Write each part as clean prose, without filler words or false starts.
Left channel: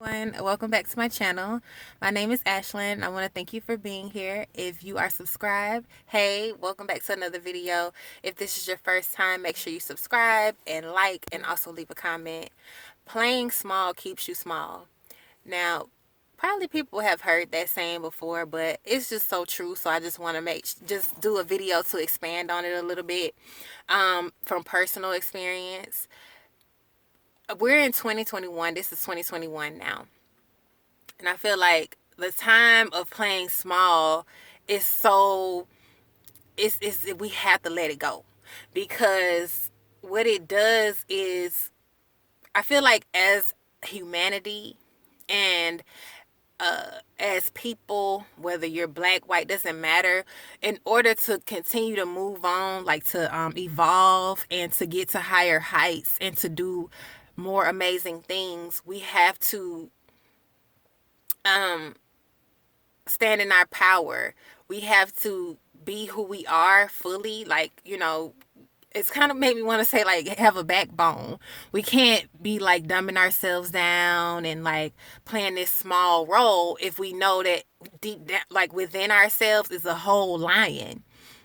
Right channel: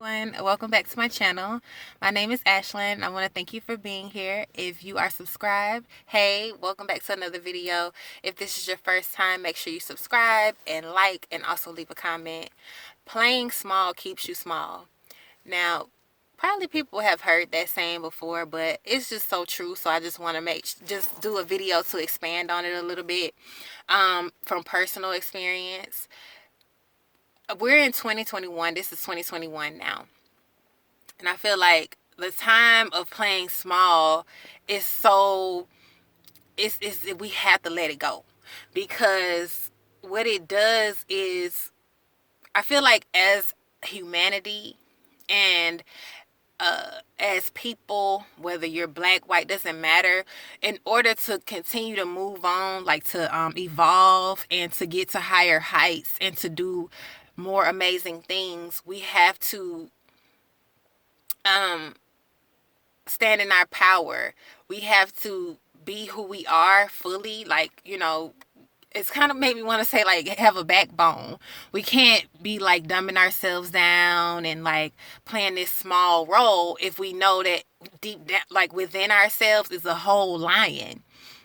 Welcome back to my channel. My name is Ashlyn. I want to thank you for being here. If you are subscribed, hey, welcome back to another video. If this is your first time, make sure you subscribe and like and also leave a comment. Playing small keeps you small. Now, probably people have heard that saying before, but it's just so true. So I just want to just do a video to expand on it a little bit from personal experience. We're in 2021. This is 2021 now. And I feel like the time of playing small is so we have to let it go, because what it does is, I feel like as humanity and as people, whether you're black, white, doesn't matter, in order to continue to move on, like to evolve and to get to higher heights and to do more amazing things, we have to stand in our power. We have to be who we are fully. Like, it's kind of made me want to say, like, have a backbone. We can't be like dumbing ourselves down and like playing this small role if we know that deep down, like within ourselves, is a whole lion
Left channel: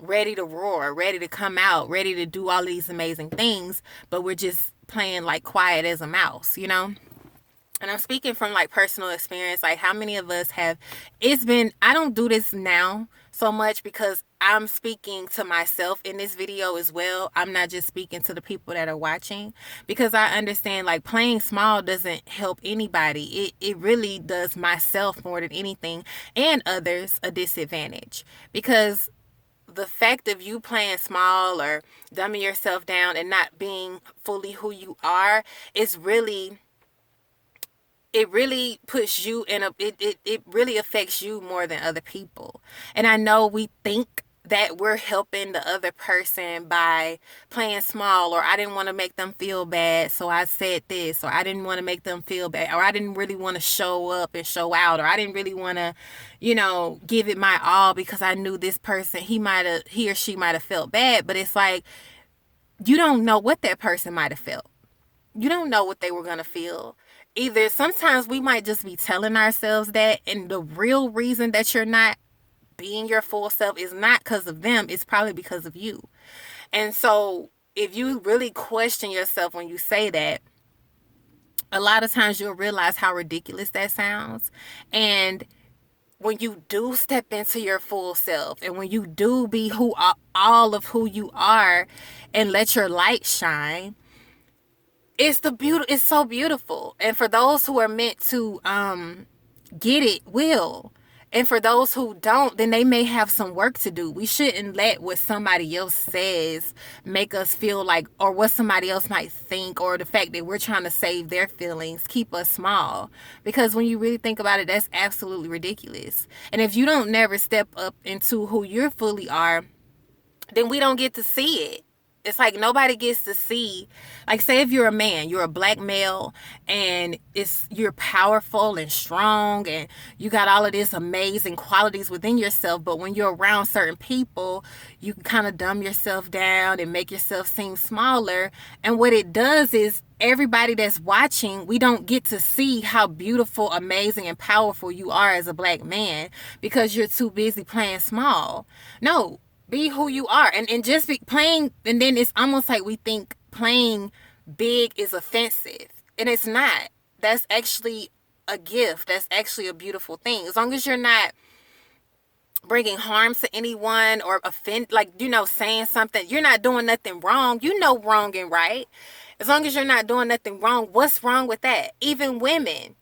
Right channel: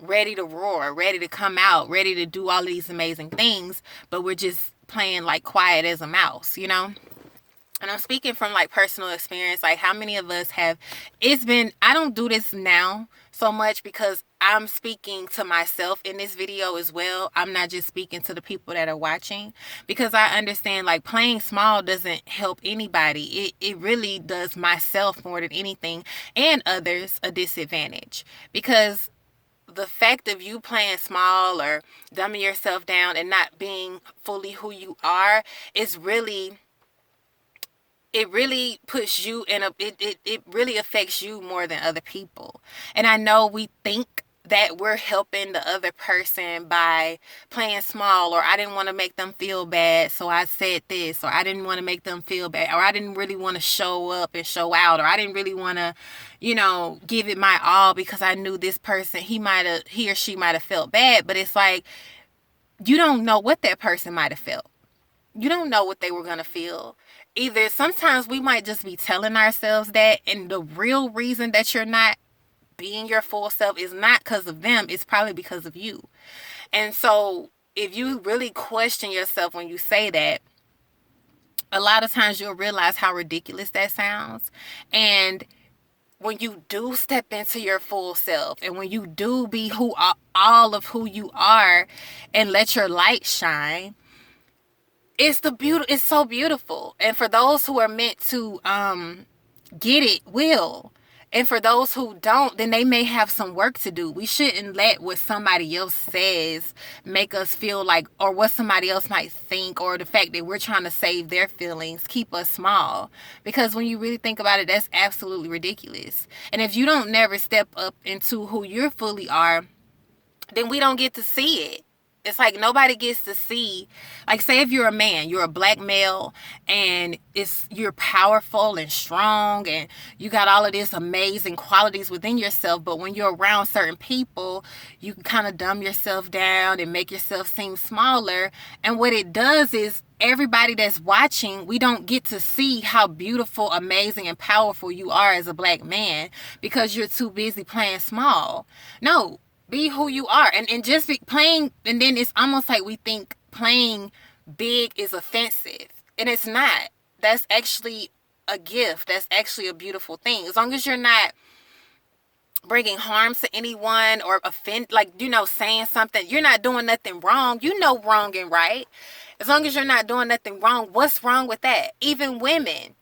ready to roar, ready to come out, ready to do all these amazing things, but we're just playing like quiet as a mouse. And I'm speaking from like personal experience. Like, how many of us have, I don't do this now so much because I'm speaking to myself in this video as well. I'm not just speaking to the people that are watching, because I understand like playing small doesn't help anybody. It really does myself more than anything, and others, a disadvantage, because the fact of you playing small or dumbing yourself down and not being fully who you are is really, it really puts you in it really affects you more than other people. And I know we think that we're helping the other person by playing small, or I didn't want to make them feel bad, so I said this, or I didn't want to make them feel bad, or I didn't really want to show up and show out, or I didn't really want to, give it my all because I knew this person, he or she might have felt bad. But it's like, you don't know what that person might have felt. You don't know what they were going to feel. Either sometimes we might just be telling ourselves that, and the real reason that you're not being your full self is not because of them, it's probably because of you. And so if you really question yourself when you say that, a lot of times you'll realize how ridiculous that sounds. And when you do step into your full self, and when you do be all of who you are and let your light shine, it's so beautiful. And for those who are meant to get it, will. And for those who don't, then they may have some work to do. We shouldn't let what somebody else says make us feel like, or what somebody else might think, or the fact that we're trying to save their feelings, keep us small. Because when you really think about it, that's absolutely ridiculous. And if you don't never step up into who you fully are, then we don't get to see it. It's like nobody gets to see, like, say if you're a man, you're a black male, and you're powerful and strong, and you got all of these amazing qualities within yourself, but when you're around certain people, you can kind of dumb yourself down and make yourself seem smaller. And what it does is, everybody that's watching, we don't get to see how beautiful, amazing, and powerful you are as a black man, because you're too busy playing small. No, be who you are. And just be playing, and then it's almost like we think playing big is offensive, and it's not. That's actually a gift. That's actually a beautiful thing, as long as you're not bringing harm to anyone or saying something. You're not doing nothing wrong. Wrong and right. As long as you're not doing nothing wrong, what's wrong with that? Even women,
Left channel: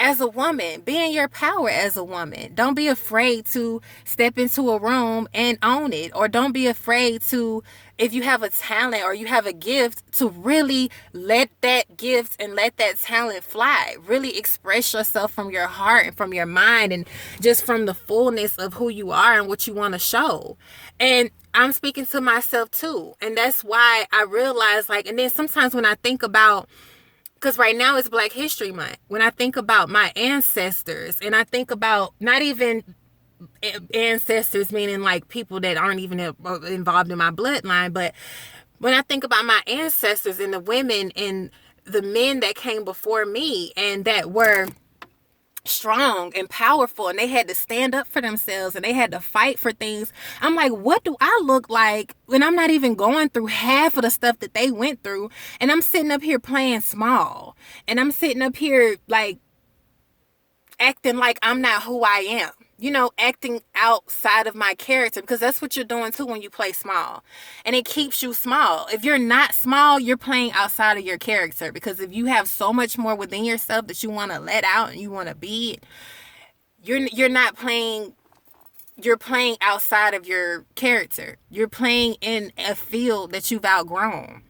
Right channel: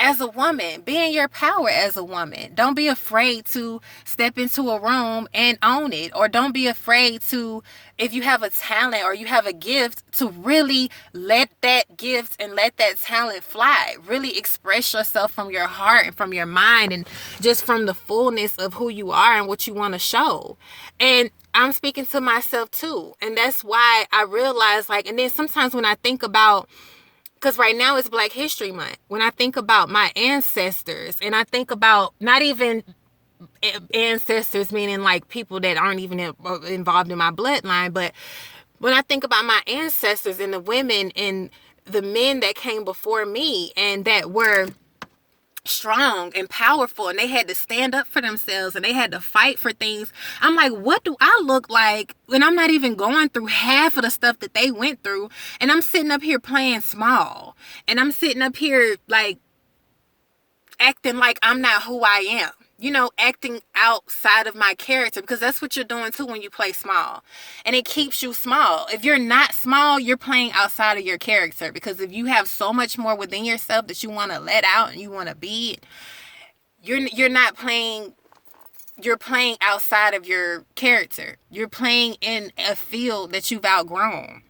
as a woman, be in your power as a woman. Don't be afraid to step into a room and own it. Or don't be afraid to, if you have a talent or you have a gift, to really let that gift and let that talent fly. Really express yourself from your heart and from your mind, and just from the fullness of who you are and what you want to show. And I'm speaking to myself too. And that's why I realize, like, and then sometimes when I think about, because right now it's Black History Month, when I think about my ancestors, and I think about not even ancestors meaning like people that aren't even involved in my bloodline, but when I think about my ancestors and the women and the men that came before me and that were strong and powerful, and they had to stand up for themselves and they had to fight for things. I'm like, what do I look like when I'm not even going through half of the stuff that they went through? And I'm sitting up here playing small, and I'm sitting up here like acting like I'm not who I am. You know, acting outside of my character, because that's what you're doing too when you play small. And it keeps you small. If you're not small, you're playing outside of your character, because if you have so much more within yourself that you want to let out and you want to be, you're not playing, you're playing outside of your character. You're playing in a field that you've outgrown.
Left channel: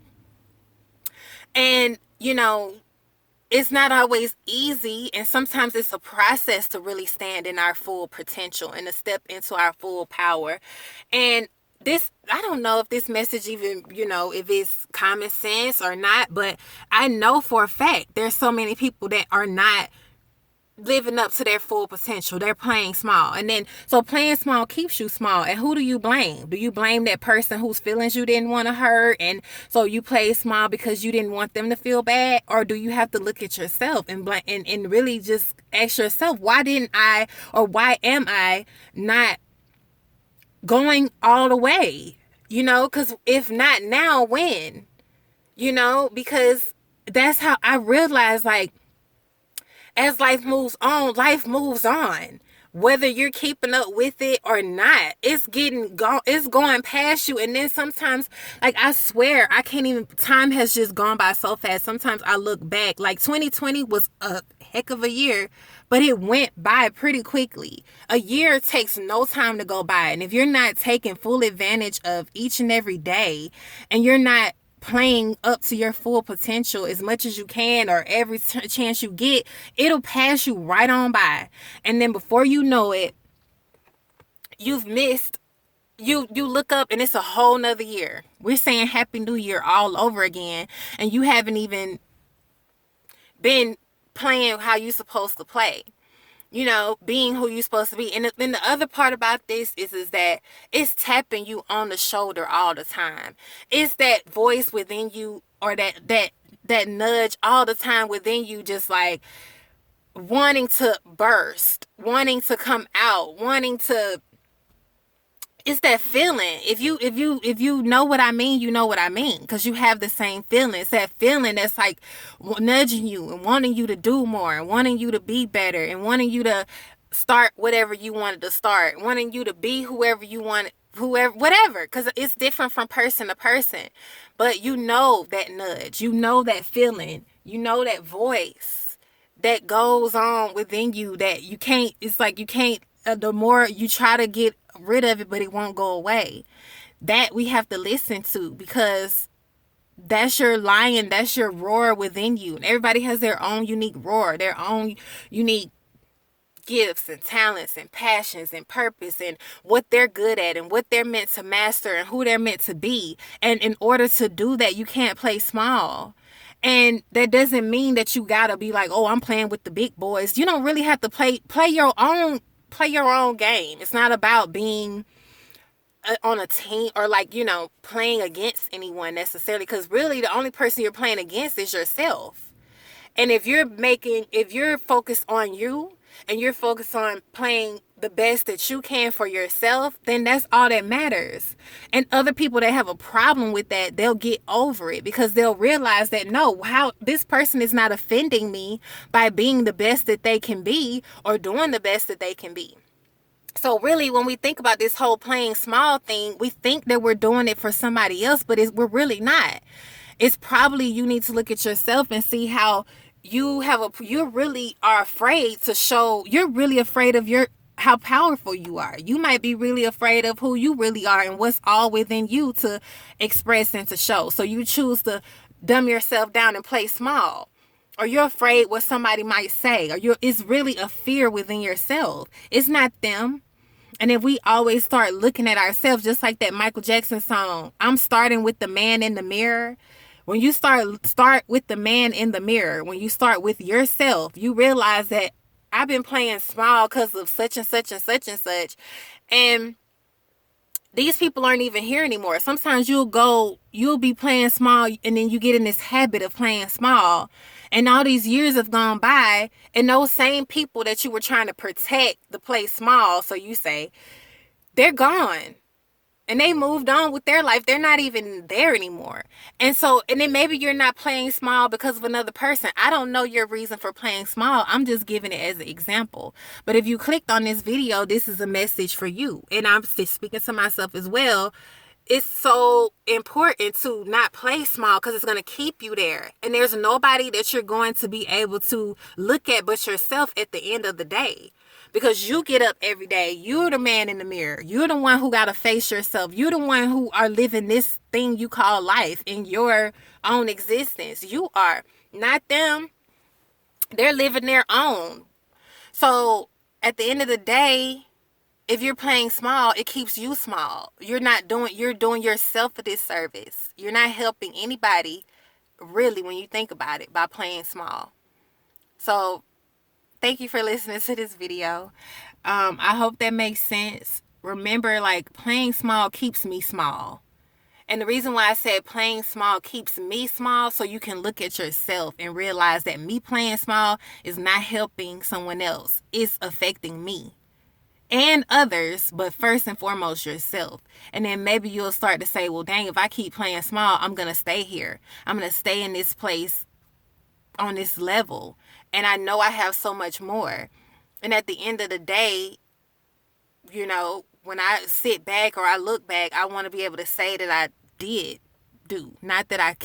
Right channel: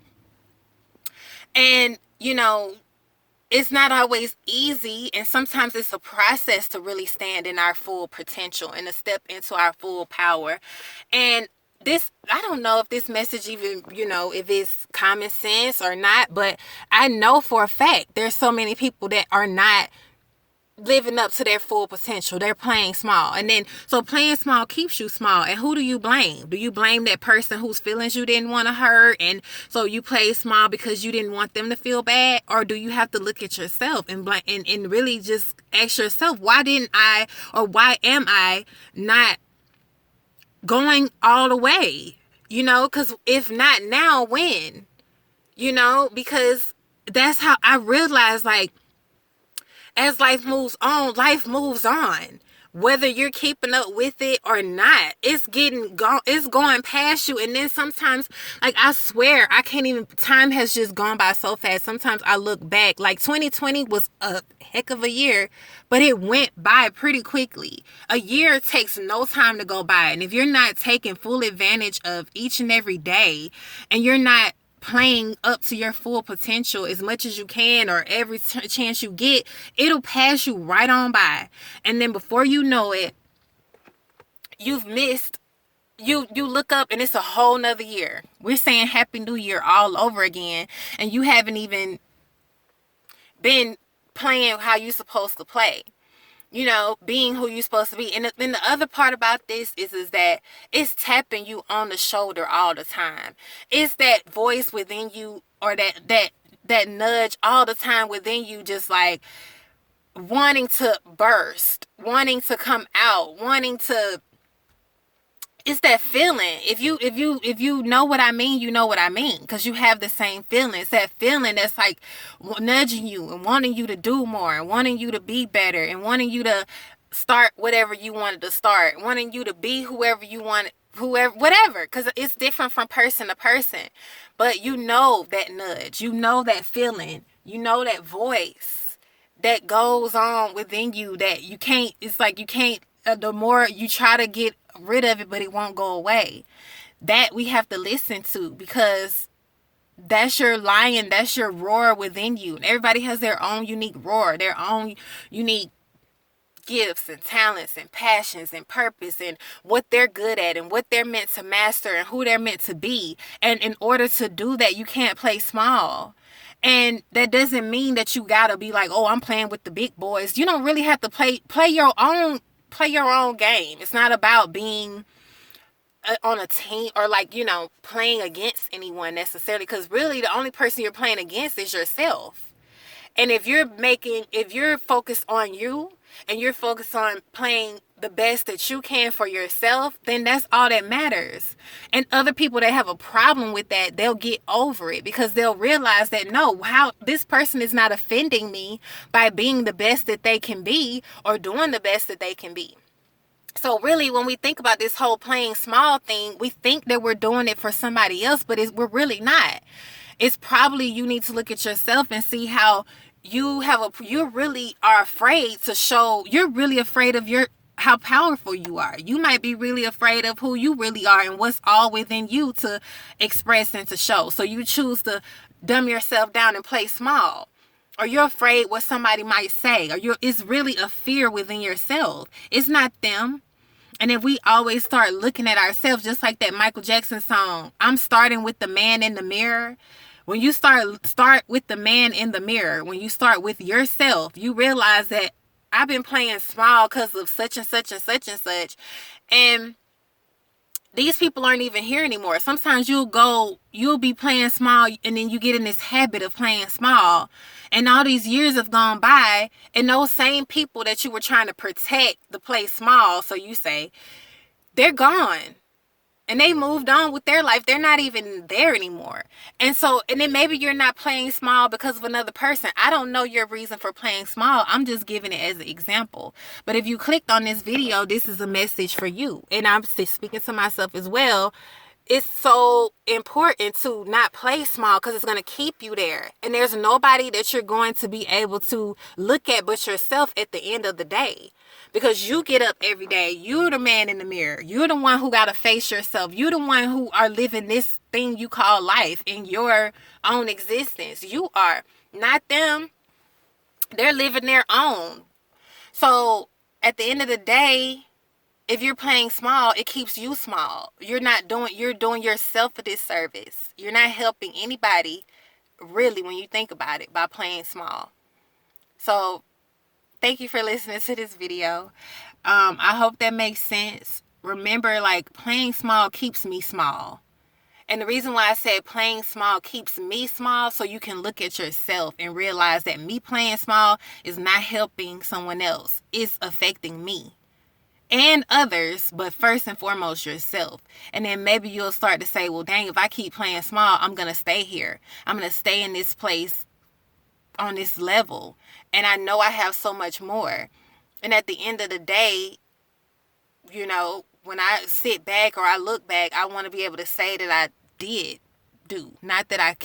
And, you know, it's not always easy, and sometimes it's a process to really stand in our full potential and to step into our full power. And this, I don't know if this message even, you know, if it's common sense or not, but I know for a fact there's so many people that are not living up to their full potential. They're playing small. And then, so playing small keeps you small. And who do you blame? Do you blame that person whose feelings you didn't want to hurt, and so you play small because you didn't want them to feel bad? Or do you have to look at yourself and blame, and really just ask yourself, why didn't I, or why am I not going all the way? You know, because if not now, when? You know, because that's how I realized, like, as life moves on, life moves on. Whether you're keeping up with it or not, it's going past you. And then sometimes, like, I swear, I can't even, time has just gone by so fast. Sometimes I look back, like 2020 was a heck of a year, but it went by pretty quickly. A year takes no time to go by. And if you're not taking full advantage of each and every day, and you're not playing up to your full potential as much as you can, or every chance you get, it'll pass you right on by. And then before you know it, you've missed, you look up and it's a whole nother year. We're saying Happy New Year all over again, and you haven't even been playing how you're supposed to play. You know, being who you're supposed to be. And then the other part about this is that it's tapping you on the shoulder all the time. It's that voice within you, or that nudge all the time within you, just like wanting to burst, wanting to come out, wanting to, it's that feeling. If you know what I mean, you know what I mean, because you have the same feeling. It's that feeling that's like nudging you and wanting you to do more, and wanting you to be better, and wanting you to start whatever you wanted to start, wanting you to be whoever you want, whoever, whatever, because it's different from person to person. But you know that nudge, you know that feeling, you know that voice that goes on within you that you can't, it's like you can't, the more you try to get rid of it, but it won't go away. That we have to listen to, because that's your lion, that's your roar within you. And everybody has their own unique roar, their own unique gifts and talents and passions and purpose, and what they're good at and what they're meant to master and who they're meant to be. And in order to do that, you can't play small. And that doesn't mean that you gotta be like, oh, I'm playing with the big boys. You don't really have to play your own game. It's not about being on a team, or like, you know, playing against anyone necessarily, because really the only person you're playing against is yourself. And if you're focused on you, and you're focused on playing the best that you can for yourself, then that's all that matters. And other people that have a problem with that, they'll get over it, because they'll realize that, no, how this person is not offending me by being the best that they can be, or doing the best that they can be. So really, when we think about this whole playing small thing, we think that we're doing it for somebody else, but we're really not. It's probably, you need to look at yourself and see how you really are afraid to show, you're really afraid of how powerful you are. You might be really afraid of who you really are and what's all within you to express and to show. So you choose to dumb yourself down and play small. Or you're afraid what somebody might say. Or it's really a fear within yourself. It's not them. And if we always start looking at ourselves, just like that Michael Jackson song, I'm starting with the man in the mirror. When you start with the man in the mirror, when you start with yourself, you realize that I've been playing small because of such and such and such and such. And these people aren't even here anymore. Sometimes you'll be playing small, and then you get in this habit of playing small. And all these years have gone by, and those same people that you were trying to protect the play small, so you say, they're gone. And they moved on with their life. They're not even there anymore. And then maybe you're not playing small because of another person. I don't know your reason for playing small. I'm just giving it as an example. But if you clicked on this video, this is a message for you. And I'm speaking to myself as well. It's so important to not play small because it's going to keep you there. And there's nobody that you're going to be able to look at but yourself at the end of the day. Because you get up every day. You're the man in the mirror. You're the one who got to face yourself. You're the one who are living this thing you call life in your own existence. You are, not them. They're living their own. So at the end of the day, if you're playing small, it keeps you small. You're doing yourself a disservice. You're not helping anybody, really, when you think about it, by playing small. So thank you for listening to this video. I hope that makes sense. Remember, like, playing small keeps me small. And the reason why I said playing small keeps me small, so you can look at yourself and realize that me playing small is not helping someone else. It's affecting me and others, but first and foremost yourself. And then maybe you'll start to say, well, dang, if I keep playing small, I'm going to stay here. I'm going to stay in this place on this level. And I know I have so much more. And at the end of the day, you know, when I sit back or I look back, I want to be able to say that I did do. Not that I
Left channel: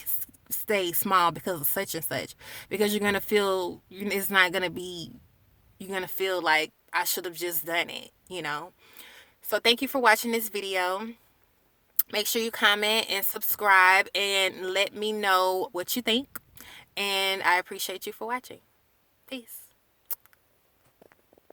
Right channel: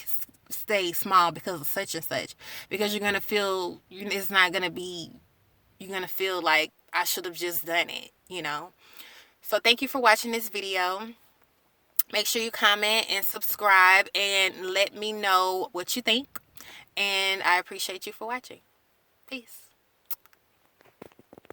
stay small because of such and such. Because you're going to feel, it's not going to be, you're going to feel like I should have just done it, you know. So thank you for watching this video. Make sure you comment and subscribe and let me know what you think. And I appreciate you for watching. Peace.